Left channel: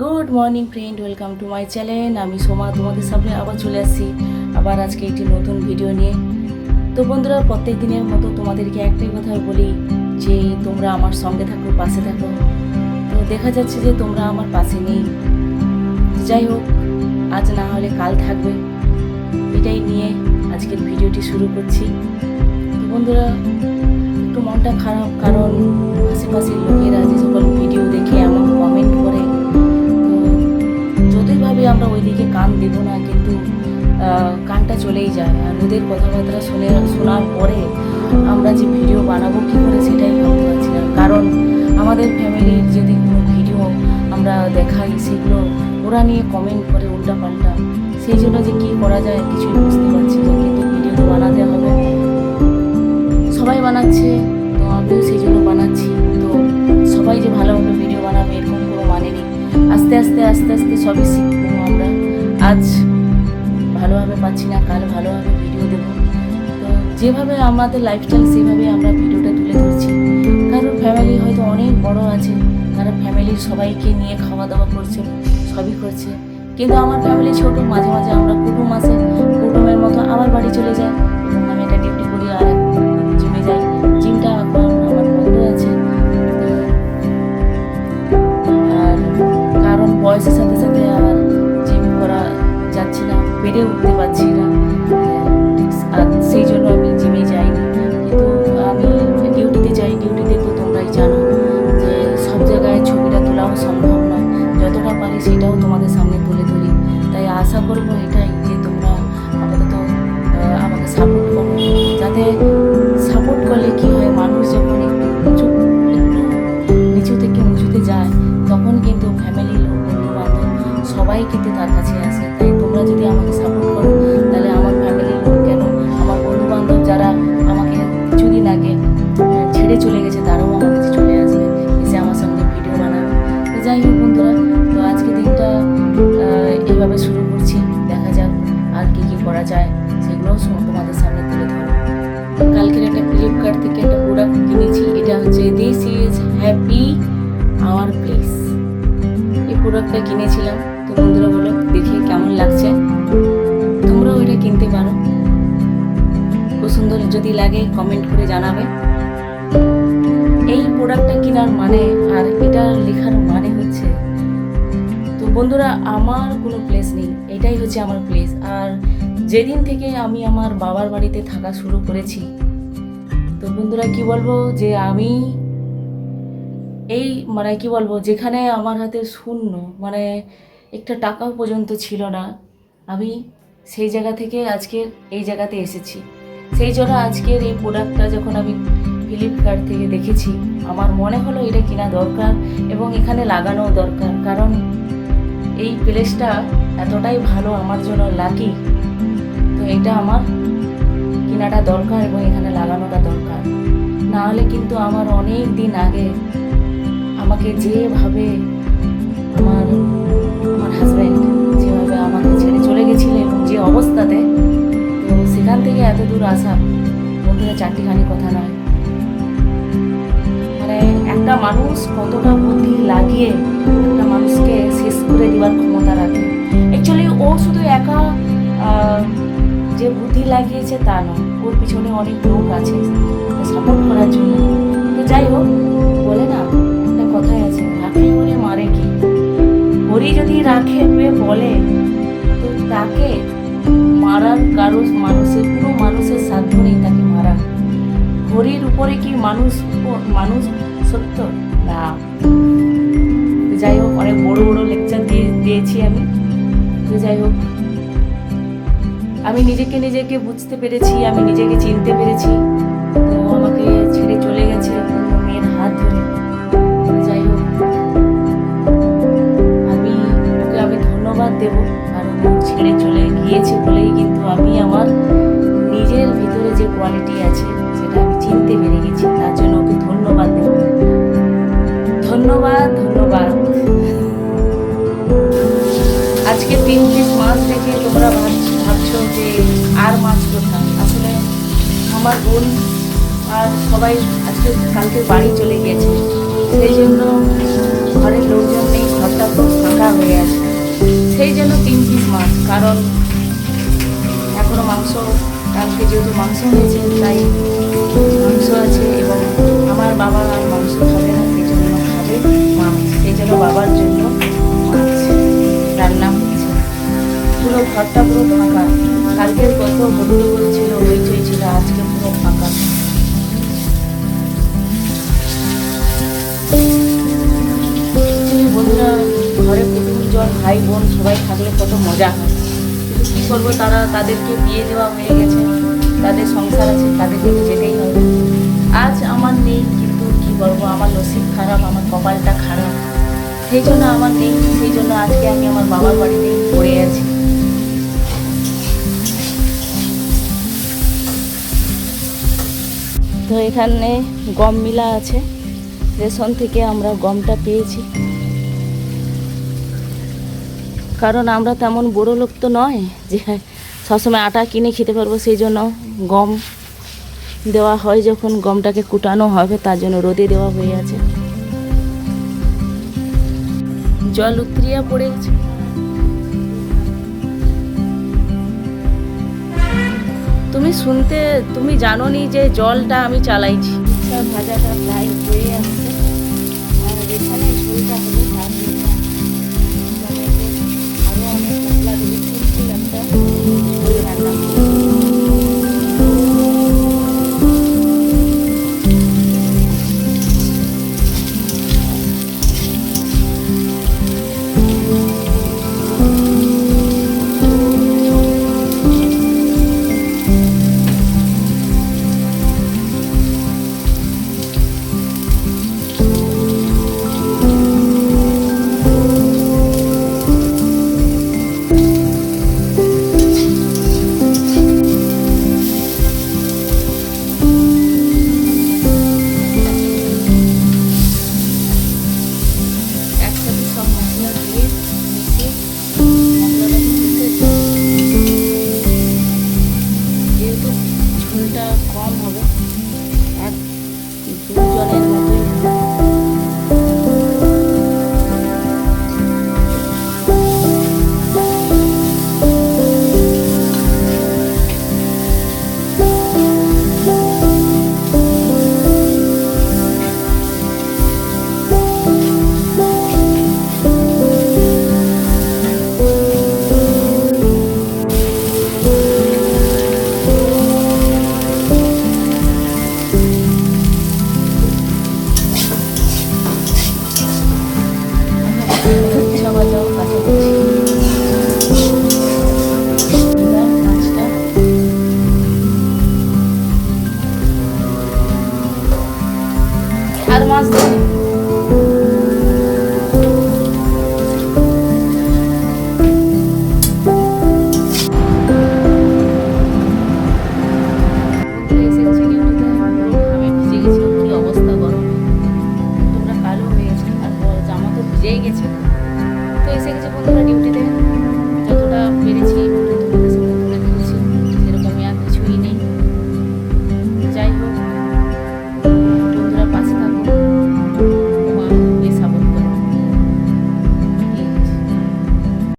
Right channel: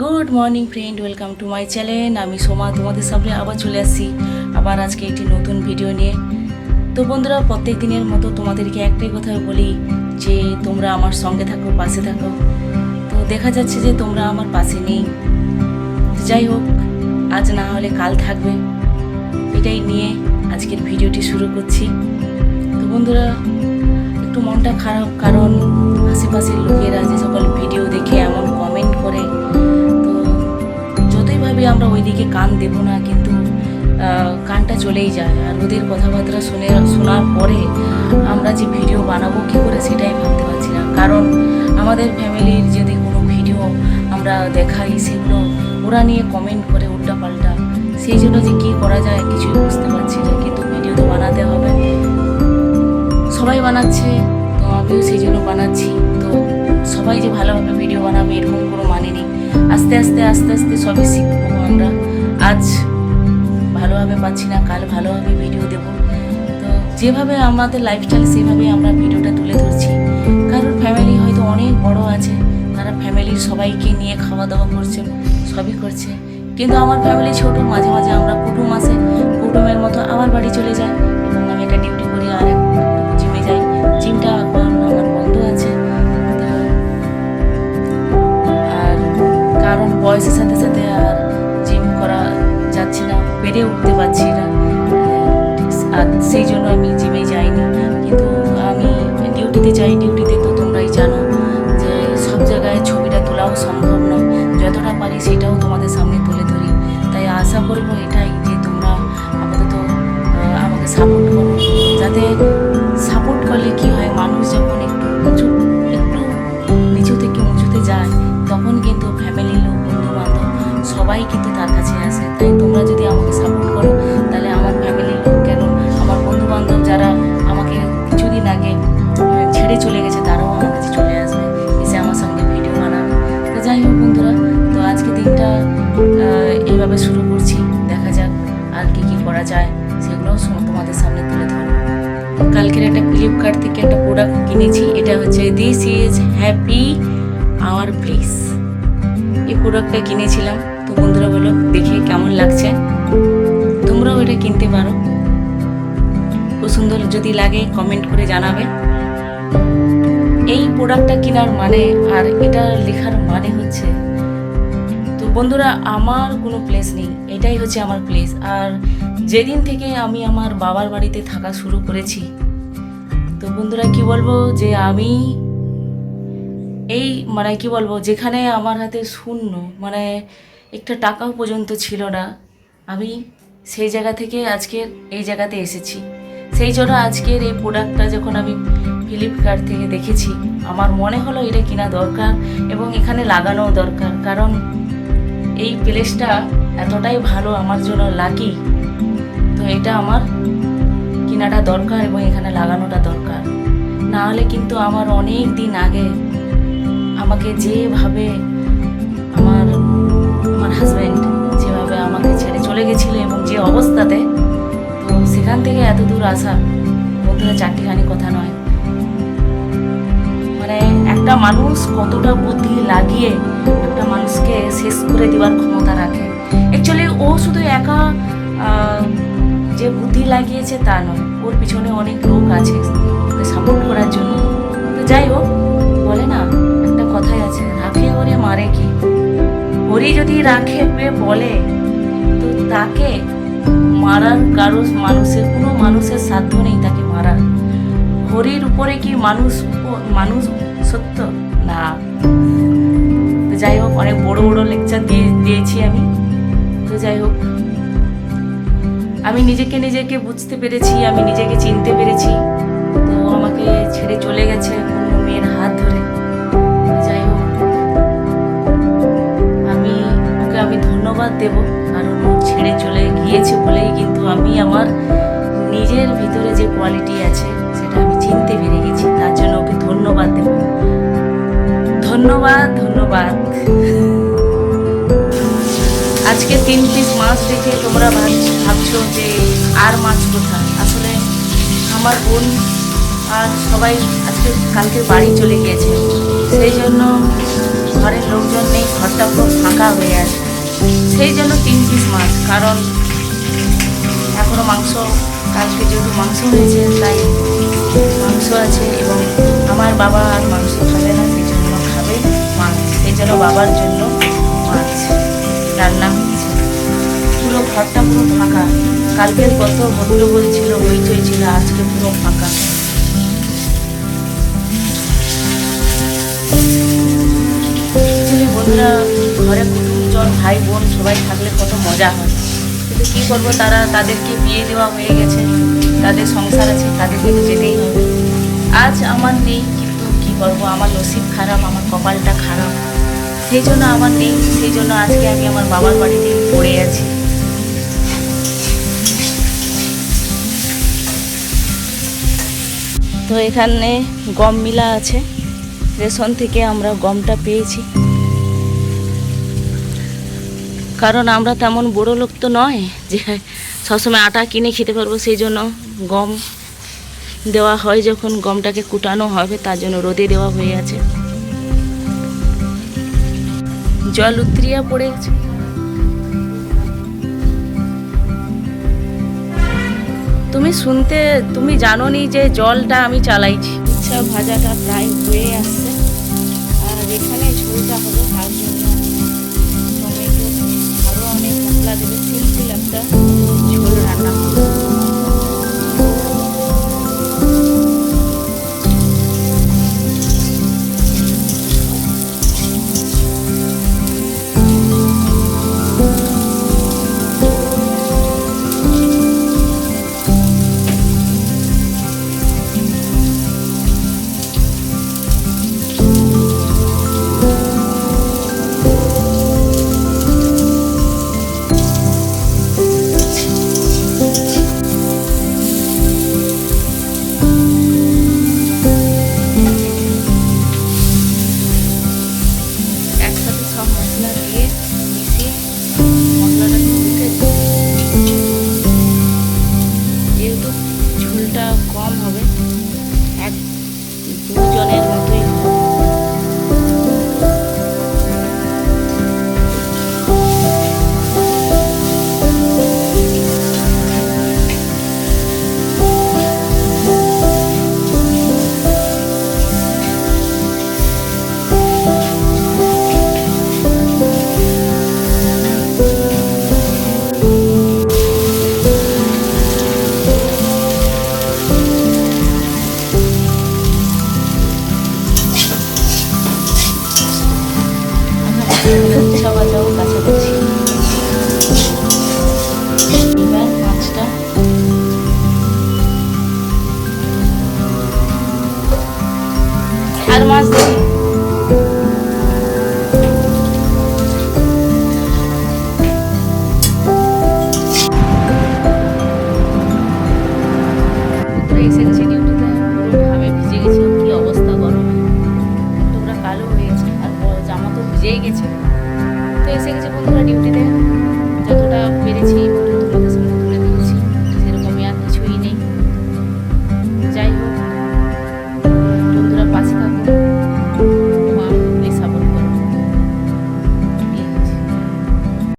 Good morning friend, welcome to my channel. আমি সোমা তোমাদের সামনে আবার চলে আসছি আবার আজকে একটি নতুন ভিডিও নিয়ে। তো বন্ধুরা, প্রত্যেক দিনের মতো তোমাদেরকে একটাই কথা বলি যে তোমরা আমার সঙ্গে থাকো, পাশে থাকো। তো দেখা যাচ্ছে যে তোমরা আমার পাশে নেই। যাই হোক, আজ না হলে কাল থাকবে, এটাই নিয়ে আজকের ভিডিওটি শুরু করছি। তো বন্ধুরা, একটু মনটা খারাপ, কারণ আশেপাশের লোকেরা যে সকল ভিডিও দেখে এমন কমেন্ট করে, তো যতই ভাবি আমরা ওইদিকে কান দেব না, কিন্তু কানটা চলেই যায়। আর ওদের কথাবার্তা শোনার পরে আমরা যে ভিডিও বানাবো কী করে সেটাই ভাবতে পারছি না। কারণ আমাদের ফ্যামিলির যদি কোনো ভিডিও আমরা দেখাই, সেগুলো ওরা নিয়ে কমেন্ট করে উল্টাপাল্টা, সেই জন্য যে কী করা যায় কিছুই বুঝতে পারছি না। কিন্তু ভিডিও তো বানাতে হবে, সবাই বানাচ্ছে, তো আমিও সেই জন্য বানাচ্ছি। তো সবাই যে ভালোভাবে ভিডিও বানাবে এরকম কোনো মানে নেই। আস্তে আস্তে আস্তে আস্তে সবই শিখবো আমরা। আজ ভালোভাবে পাচ্ছি না, কাল ভালোভাবে ভিডিও দেব। তো যেভাবে আমাদের লাইফস্টাইল সেভাবে আমরা ভিডিওটা তুলে ধরছি। কারোর ফ্যামিলি হয়তো অনেক বড় আছে, তারা ফ্যামিলির সবাইকে নিয়ে খাওয়া দাওয়া করছে, সবই করছে। কিন্তু আমার ফ্যামিলি ছোট, মাঝে মাঝে আমরা কুটুম আসে, কুটুমের মতো আমার বাড়ি চলে যায় এবং আমি একটা ডিউটি করি আর জিমে যাই। জিমটা এখন আমার বন্ধ আছে, আর কারণ বয়সের সাথে সাথে আর জিম করা যাচ্ছে না, বেড়ে উঠতে পারছি না, আর সেই জন্য আমি জিমে যাইনি। কিন্তু আমি ডিউটিতে যাই। ডিউটিতে তো তোমরাই জানো যে সব জায়গায় ছবিটা তোলাও সম্ভব না, যতটা পারি সেটাও তোমাদের সামনে তুলে ধরি। তাই আশা করবো এটাই যে তোমরা আপাতত আমাকে সাপোর্ট করো, যাতে সাপোর্ট করলে কি হয়, মানুষ যখন একটু নিচু থেকে উঁচুতে যায়, তখন কিন্তু ফ্যামিলির লোক, বন্ধু বান্ধব সবাই কিন্তু তার কাছে আসে। তাই তোমরা যদি আমাকে সাপোর্ট করো, তাহলে আমার ফ্যামিলির লোক কেন, আমার বন্ধু বান্ধব যারা আমাকে কিছুদিন আগে ছেড়ে চলে গেছে, তারাও আমার কাছে চলে আসবে, এসে আমার সঙ্গে ভিডিও বানাবে। তো যাই হোক বন্ধুরা, তো আজকে দিনটা এইভাবে শুরু করছি। দেখা যাক আর কী কী করা যায়, সেগুলোও তোমাদের সামনে তুলে ধরবো। কালকের একটা ফ্লিপকার্ট থেকে একটা প্রোডাক্ট কিনেছি, এটা হচ্ছে this is happy hour place. এই প্রোডাক্টটা কিনেছিলাম। তো বন্ধুরা বলো দেখে কেমন লাগছে, তোমরাও এটা কিনতে পারো। খুব সুন্দর, যদি লাগে কমেন্ট করে জানাবে। এই প্রোডাক্টটা কেনার মানে আর এটা লেখার মানে হচ্ছে, তো বন্ধুরা আমার কোনো প্লেস নেই, এটাই হচ্ছে আমার প্লেস। আর যেদিন থেকে আমি আমার বাবার বাড়িতে থাকা শুরু করেছি, তো বন্ধুরা কি বলবো, যে আমি এই মানে কি বলবো, যেখানে আমার হাতে শূন্য, মানে একটা টাকাও পর্যন্ত ছিল না, আমি সেই জায়গা থেকে আজকের এই জায়গাতে এসেছি। সেই জন্য আজকের এই প্রোডাক্টটা যখন আমি ফ্লিপকার্ট থেকে দেখেছি, আমার মনে হলো এটা কেনা দরকার এবং এখানে লাগানো দরকার। কারণ এই প্লেসটা এতটাই ভালো, আমার জন্য লাকি। তো এটা আমার কেনাটা দরকার এবং এখানে লাগানোটা দরকার। না হলে কিন্তু আমার অনেক দিন আগে আমাকে যেভাবে আমার হাজব্যান্ড যেভাবে আমাকে ছেড়ে চলে গেছিলো এবং যে অবস্থাতে, তো সেখান থেকে এত দূর আসা বন্ধুরা চারটিখানি কথা নয়। মানে একটা মানুষ কতটা বুদ্ধি লাগিয়ে একটা মানুষকে শেষ করে দেওয়ার ক্ষমতা রাখে। অ্যাকচুয়ালি ও শুধু একা যে বুদ্ধি লাগিয়েছে তা নয়, ওর পিছনে অনেক লোক আছে সাপোর্ট করার জন্য। তো যাই হোক, বলে না একটা কথাই আছে, রাখে ওরে মারে কি। হরি যদি রাখে বলে, তো তাকে মারার কারো কোনো মানুষের সাধ্য নেই তাকে মারার। হরির উপরে কি মানুষ সত্য না। তো যাই হোক, অনেক বড় বড় লেকচার দিয়েছি আমি। তো যাই হোক, আমি নিজেকে বুঝতে পেরেছি, আমি নিজেকে চিনতে পেরেছি। তো আমাকে ছেড়ে চলে গেছে অন্য মেয়ের হাত ধরে। যাই হোক, আমি ধন্যবাদ দেব, কারণ ও ছেড়ে চলে গিয়েছে বলেই কিন্তু আমি আমার নিজের ভিতরে যে কোয়ালিটি আছে সেটা আমি চিনতে পেরে গেছি। তার জন্য ওকে ধন্যবাদ দেব। ধন্যবাদ। আজকে 3 পিস মাছ দেখে তোমরা ভাবছো যে আর মাছ কোথায়। আসলে আমার বোন আর সবাই কালকে বাড়ি চলে গিয়েছে, সেই জন্য ঘরের লোকজন নেই, ঘরটা পুরো ফাঁকা ফাঁকা হয়ে আছে। সেই জন্য 3 পিস মাছ, কারণ এখনও মাংস, কালকে যেহেতু মাংস হয়েছে তাই মাংস আছে, এবং আমার বাবা আর মাংস খাবে না, সেই জন্য খাবে মাছ, সেই জন্য বাবার জন্য মাছ রান্না হচ্ছে। পুরো ঘরটা পুরো ফাঁকা, কালকের কত হট্টগোল ছিল, হইচই ছিল, আজকে পুরো ফাঁকা। বন্ধুরা, ঘরে কুটুমজন, ভাই বোন সবাই থাকলে কত মজা হয়, কিন্তু কী করবো, তাদেরকে বিয়ে দেওয়া হয়ে গেছে, তাদের সংসার আছে, তাদেরকে তো যেতেই হবে। আজ আমার নেই, কিন্তু কী করবো, আমার নসিব খারাপ, আমার কপালটা খারাপ, সেই জন্য আমার নেই, সেই জন্য আজকে আমি আমার বাবার বাড়িতেই পড়ে আছি। তো এখানে গম মিলা আছে, রেশন থেকে আমরা গমটা পেয়েছি, কারণ আমরা তেমন বড় লোক তো নয় যে সবসময় আটা কিনে খেতে পারবো, সেই জন্য গম দেওয়া হয়, যখন গমটাকে কুটানো হবে তার জন্য রোদে দেওয়া হয়ে আছে। জল উতরিয়া পড়ে গেছে। তুমি জানো নি যে জলটা আমি চালাইছি। উচ্ছা ভাজাটা প্রায় হয়ে আসছে, আর এখানে ঝোলটা হবে, তার জন্য টমেটো আরও অনেক মশলা দেবে, সিম্পল একটা ঝোল রান্না হবে। যেহেতু ঝোলটা কম হবে, 1-2 জনের মতোই হবে। ভাজাও কাছাকাছি, এবার মাছটা আর মাছ দিই। এসে গেছে ডিউটিতে, পুরো ঘামে ভিজে গেছে, কি অবস্থা, গরমে টুকরা কালো হয়ে গেছে, আর জামা তো ভিজেই গেছে। তো এসে গেছে বন্ধুরা ডিউটিতে।